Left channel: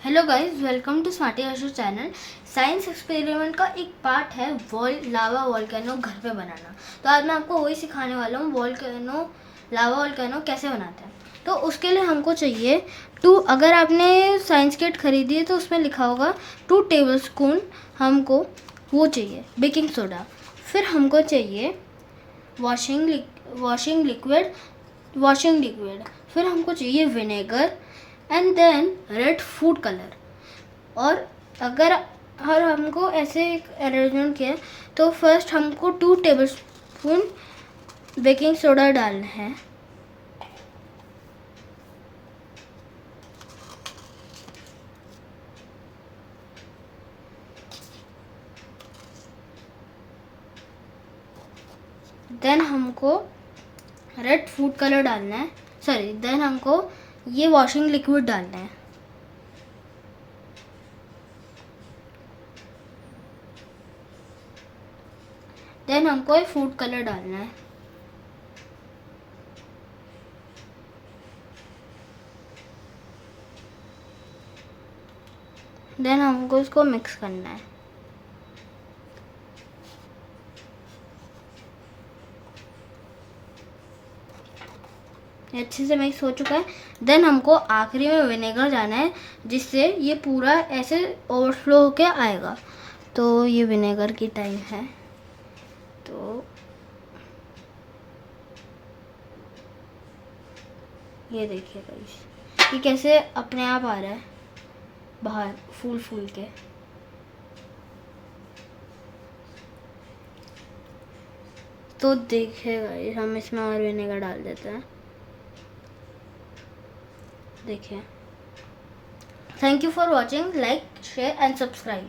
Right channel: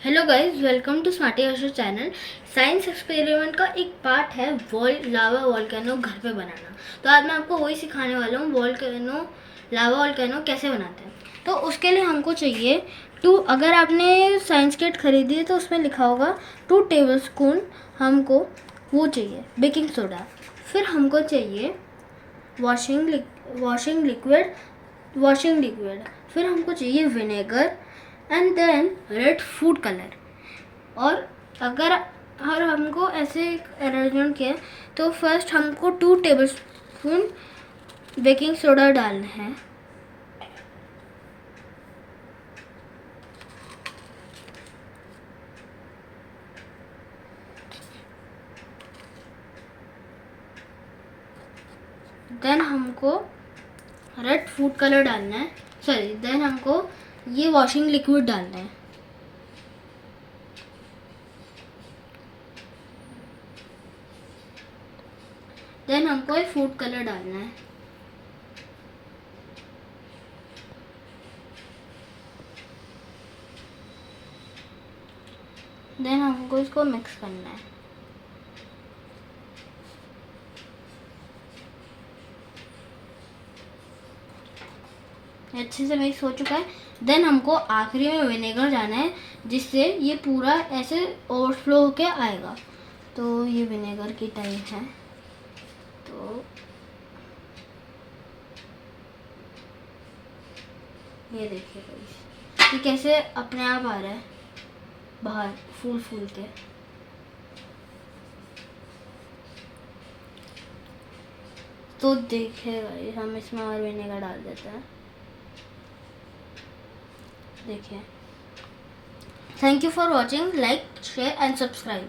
Hello guys, welcome to Smarty Harshad channel. Science experiment का एक part है लावा वोल्केनो घर पे बनाना। तो आज मैं आपको वही सिखाने वाला हूँ, लावा वोल्केनो कैसे बनाते हैं। तो उसके लिए हमको चाहिए अगर आपने साइंस किट खरीदी है तो उसमें लिखा होगा 2 टेबलस्पून हमको वो चाहिए बेकिंग सोडा। फिर हमको चाहिए वॉशिंग लिक्विड। फिर हमको चाहिए vinegar and then red food colour. और अगर हमको ऐसे अरेंजमेंट किया तो फर्स्ट हमको 2 टेबलस्पून बेकिंग सोडा डालना है। देन हमको रेड फूड कलर डालना है, देन हमको ये वॉशिंग लिक्विड डालना है। देन हमको ये फूड कलर डालना है। देन हमको इसको मिक्स करना है। अच्छे से मिक्स हो चुका है। देन हमको आखिरी में विनेगर जाना है, जिससे ये पूरा ऐसे ओवरफ्लो होके आएगा। तो ये विनेगर की टाइम है। तो ये देखिए गाइस, ये कैसे अपने आप आ रहा है बाहर फूल फूल के। तो देखिए गाइस, हम इसमें और विनेगर डाल देते हैं। देखिए। Thank you for watching. Like, share and subscribe.